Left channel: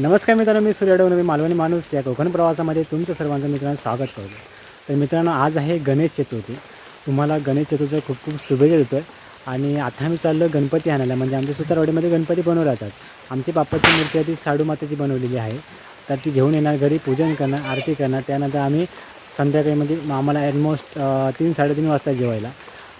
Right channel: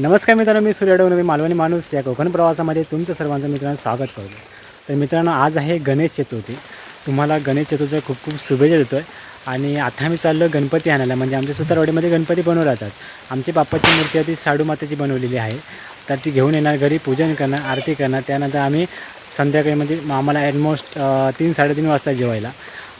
नमस्कार मित्रांनो मी सूर्याडव मी मालवणी माणूस या कोकण प्रवासामध्ये तुमचं सर्वांचं मित्रांनो स्वागत करतो तर मित्रांनो आज आहे गणेश चतुर्थी. तुम्हाला गणेश चतुर्थी खूप खूप शुभेच्छा देतो आहे आणि आता आम्ही चाललो गणपती आणायला म्हणजे आमच्या सुतारवाडीमध्ये गणपती बनवू राहतात. आमची बाप्पाची मूर्ती ती साडू मातेची बनवलेली आहे. तर ती घेऊन येणार घरी पूजन करणार आरती करणार. त्यानंतर आम्ही संध्याकाळी म्हणजे आम्हाला ॲलमोस्ट तीन साडेतीन वाजता जेवायला.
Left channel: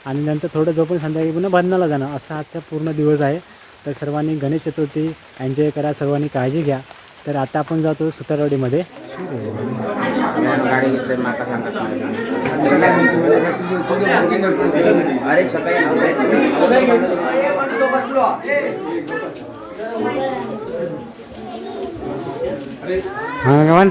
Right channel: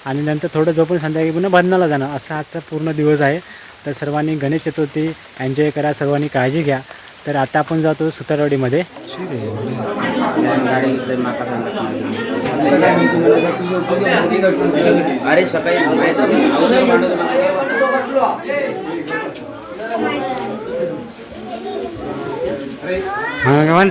आणि नंतर थोडं झोपून संध्याकाळी पुन्हा बंधनाला जाणं असा आजचा पूर्ण दिवस आहे. तर सर्वांनी गणेश चतुर्थी एन्जॉय करा सर्वांनी काळजी घ्या. तर आता आपण जातो सुतारवाडीमध्ये. भगवान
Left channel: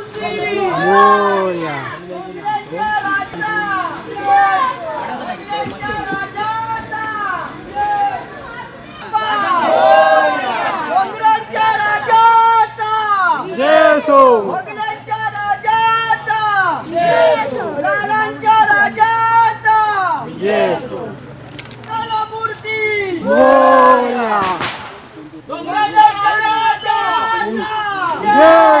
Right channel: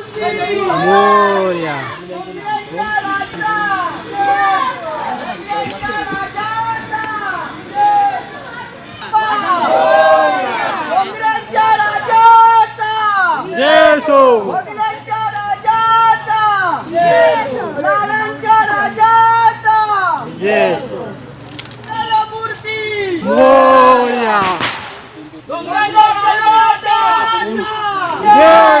मोर्या येसो येस मोर्या Yeah!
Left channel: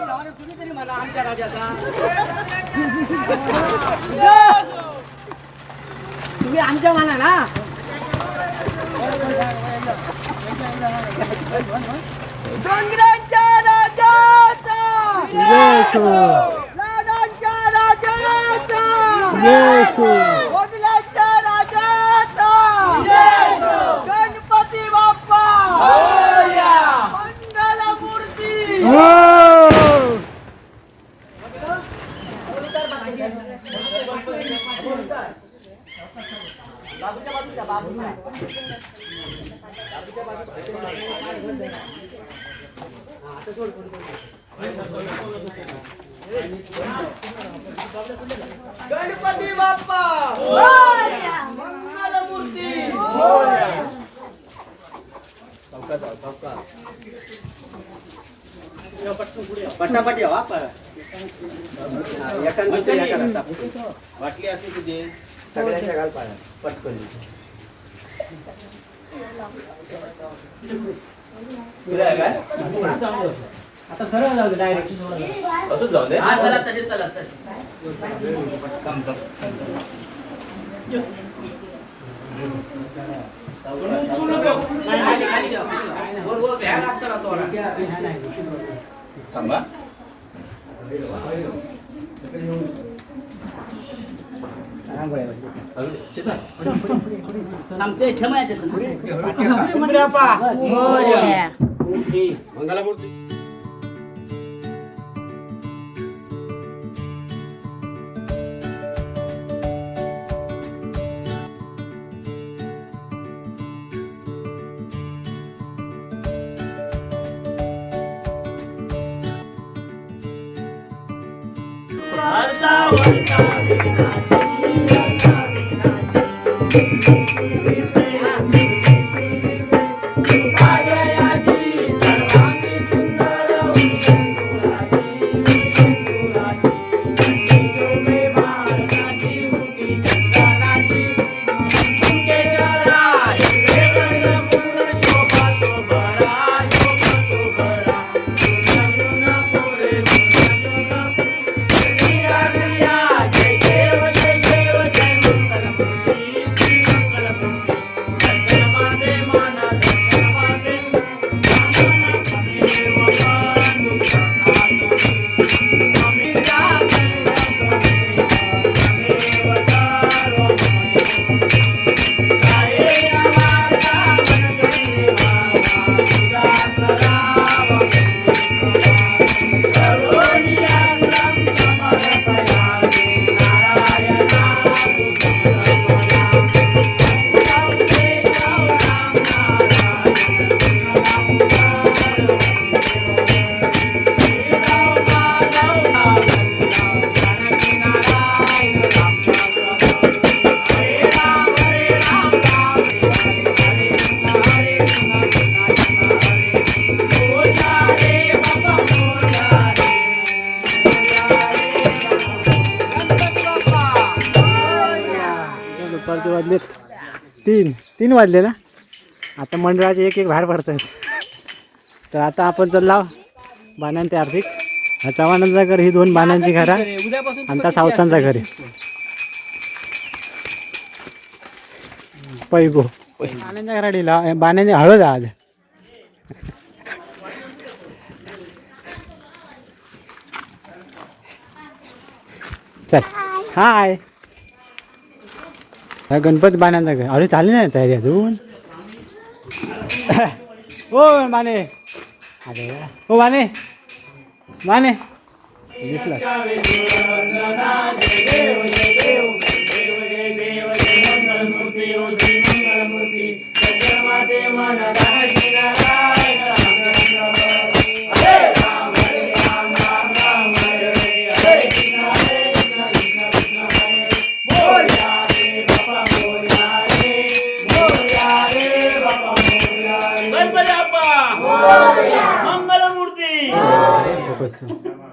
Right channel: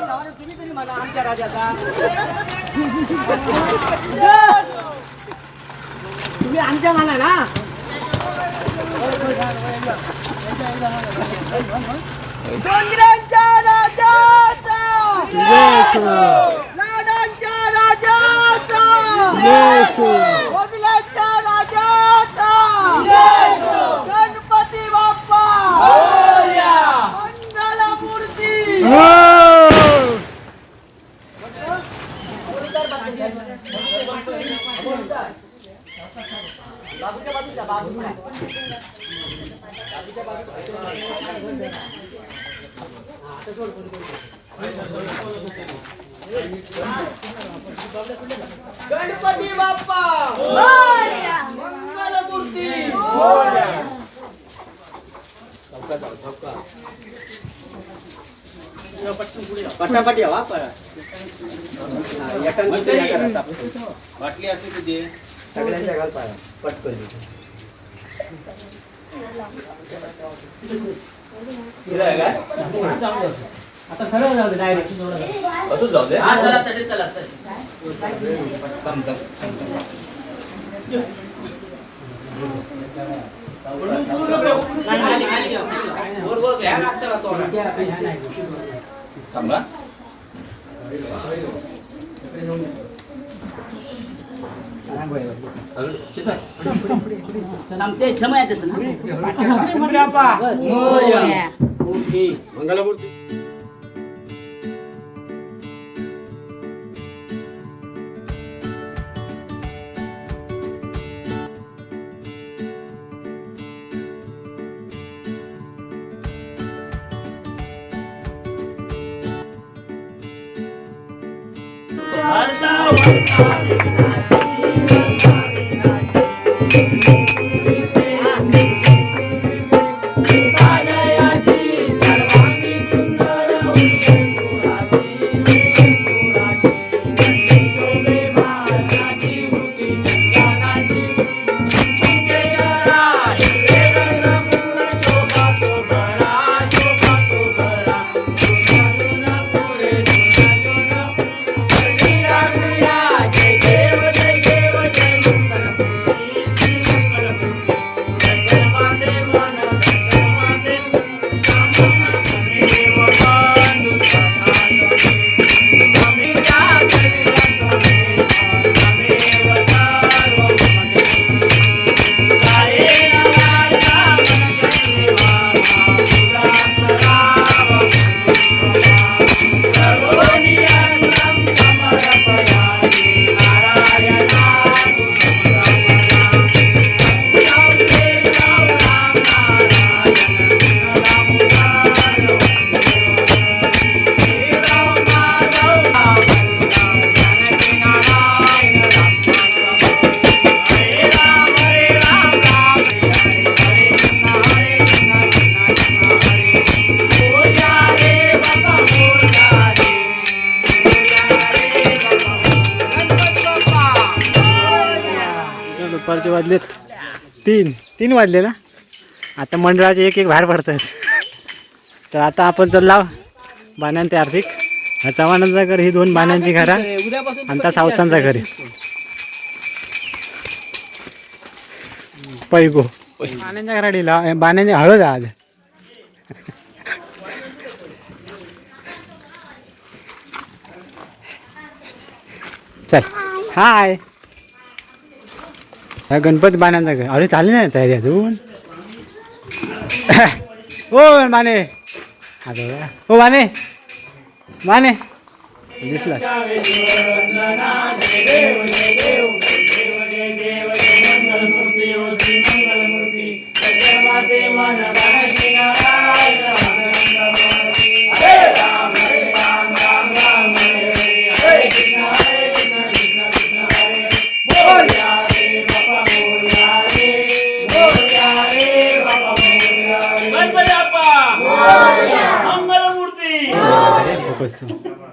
आम्हाला आमच्या राजाचा तुम्ही आमच्या म्हणा ना डोंगरांच्या राजाचा येशू लाडांच्या राजाचा येशू गणपती बाप्पा! मंगलमूर्ती! पटापट या वाटली असली तिथे. सगळ्यांच्या घाल पाळा पटकन. आता सरळ जाऊ दे डायरेक्ट असंच जाऊ दे हा चला तसे चला तसे कम कम कम थांबा 잘한 거예요. 제발. 남자 저만한테 그래. 그래. 그래. 그래. 그래. 그래. 그래. Thank दुपारचे वाजलेत. तीन. तीन वाजले ना? आता मंडळाचे एक एक बाहेर पडतात. तर आता आपण चालला बाण्यांचे ते आर्थिक हा चव्हाणांचा घर ही दोन बाण्यांची घरा. आणि त्या सावतांचा घर आहे. पैगो. बाण्यांच्या घरा दिला बाण्यांची हळद आहे आज. चल. हाय. हा गणपती बाण्यांचा घर. अरे चालली नाही तयारी अजून. ओ माने. अरे ओ माने. माने दिसला अरे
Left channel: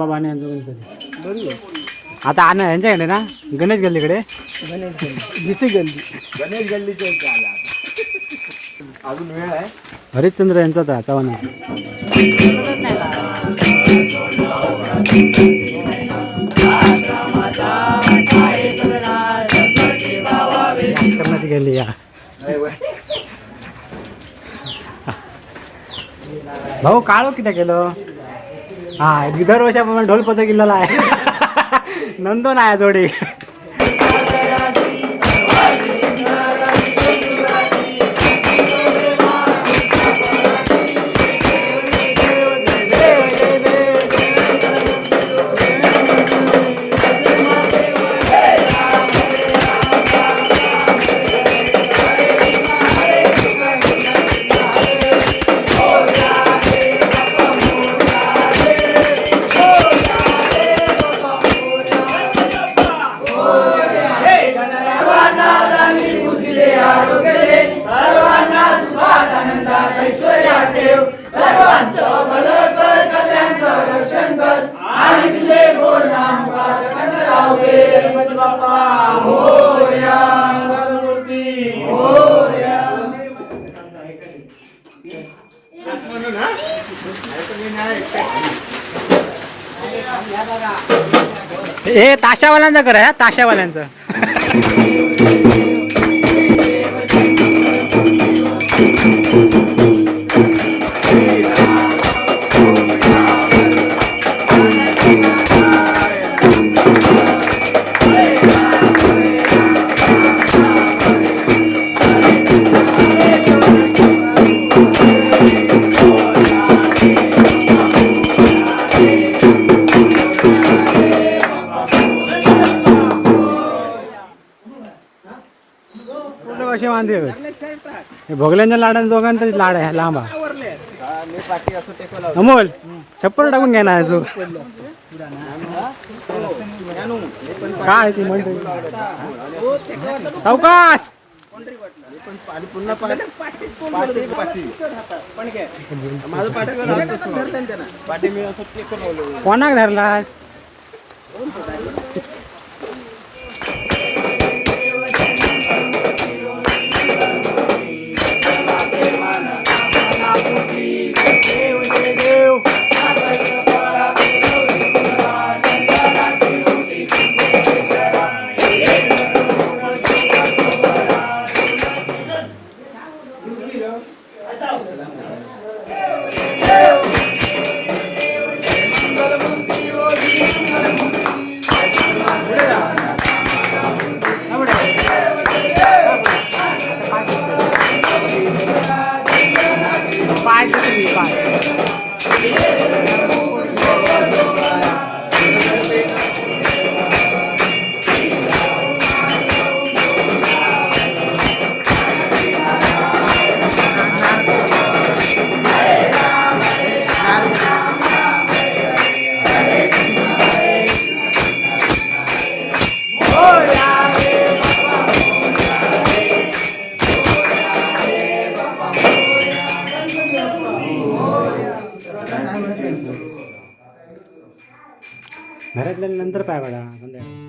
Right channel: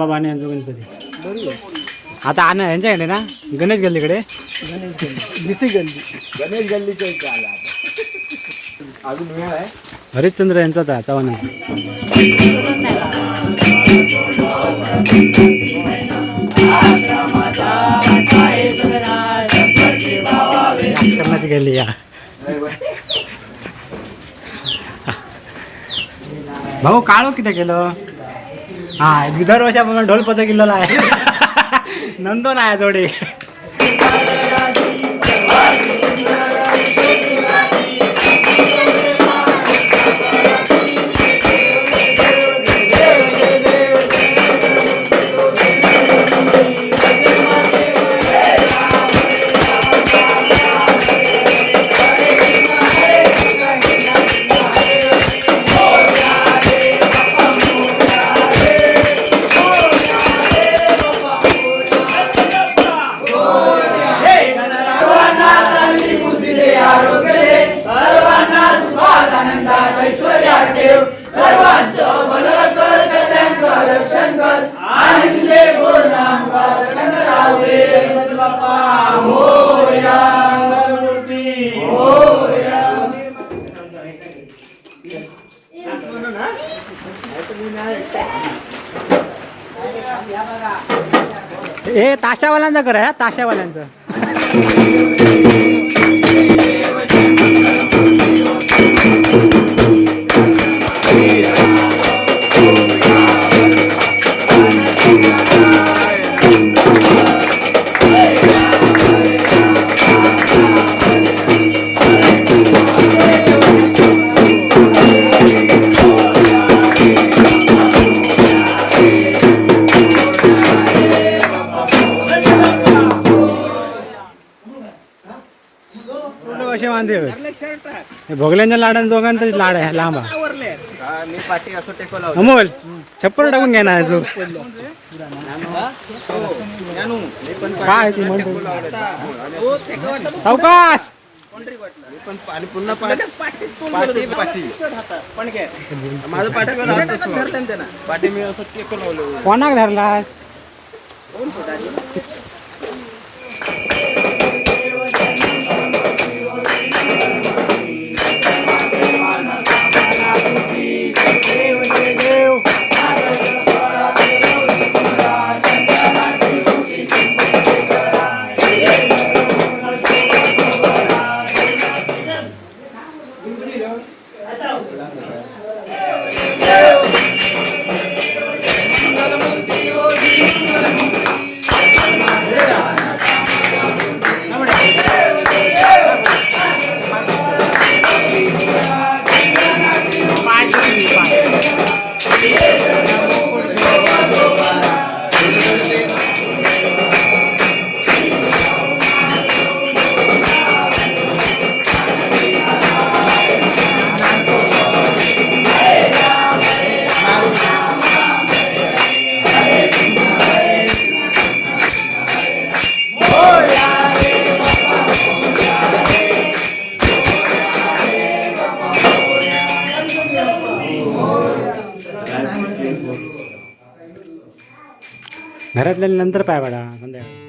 आबा बाणे यांचा गणपती. आता आणा यांच्याकडे ना गणेश गल्लीकडे. गणेश गल्लीच्या इथे आला आता. अजून वेळ आहे? हरिश्चंद्र यांचा होता चव्हाण करण्याची गेली या. भाऊ काळो किती केलं? हा दरवर्षाप्रमाणे ढोल पथक किल्ला आहे. नंदो नाही जोडी. हे ताशावाल्यांचं कर आहे ताशावाल्यांचं. बांधे हे भोगल्यांच्या लाडान दोघांचा लाड आहे लांब. हा, अमोल छप्पर टाकून घ्या ना अजून काय ती म्हणते सावकाश! पुन्हा पाठी. पाठी घातल्यानंतर पाय पडा संध्याकाळी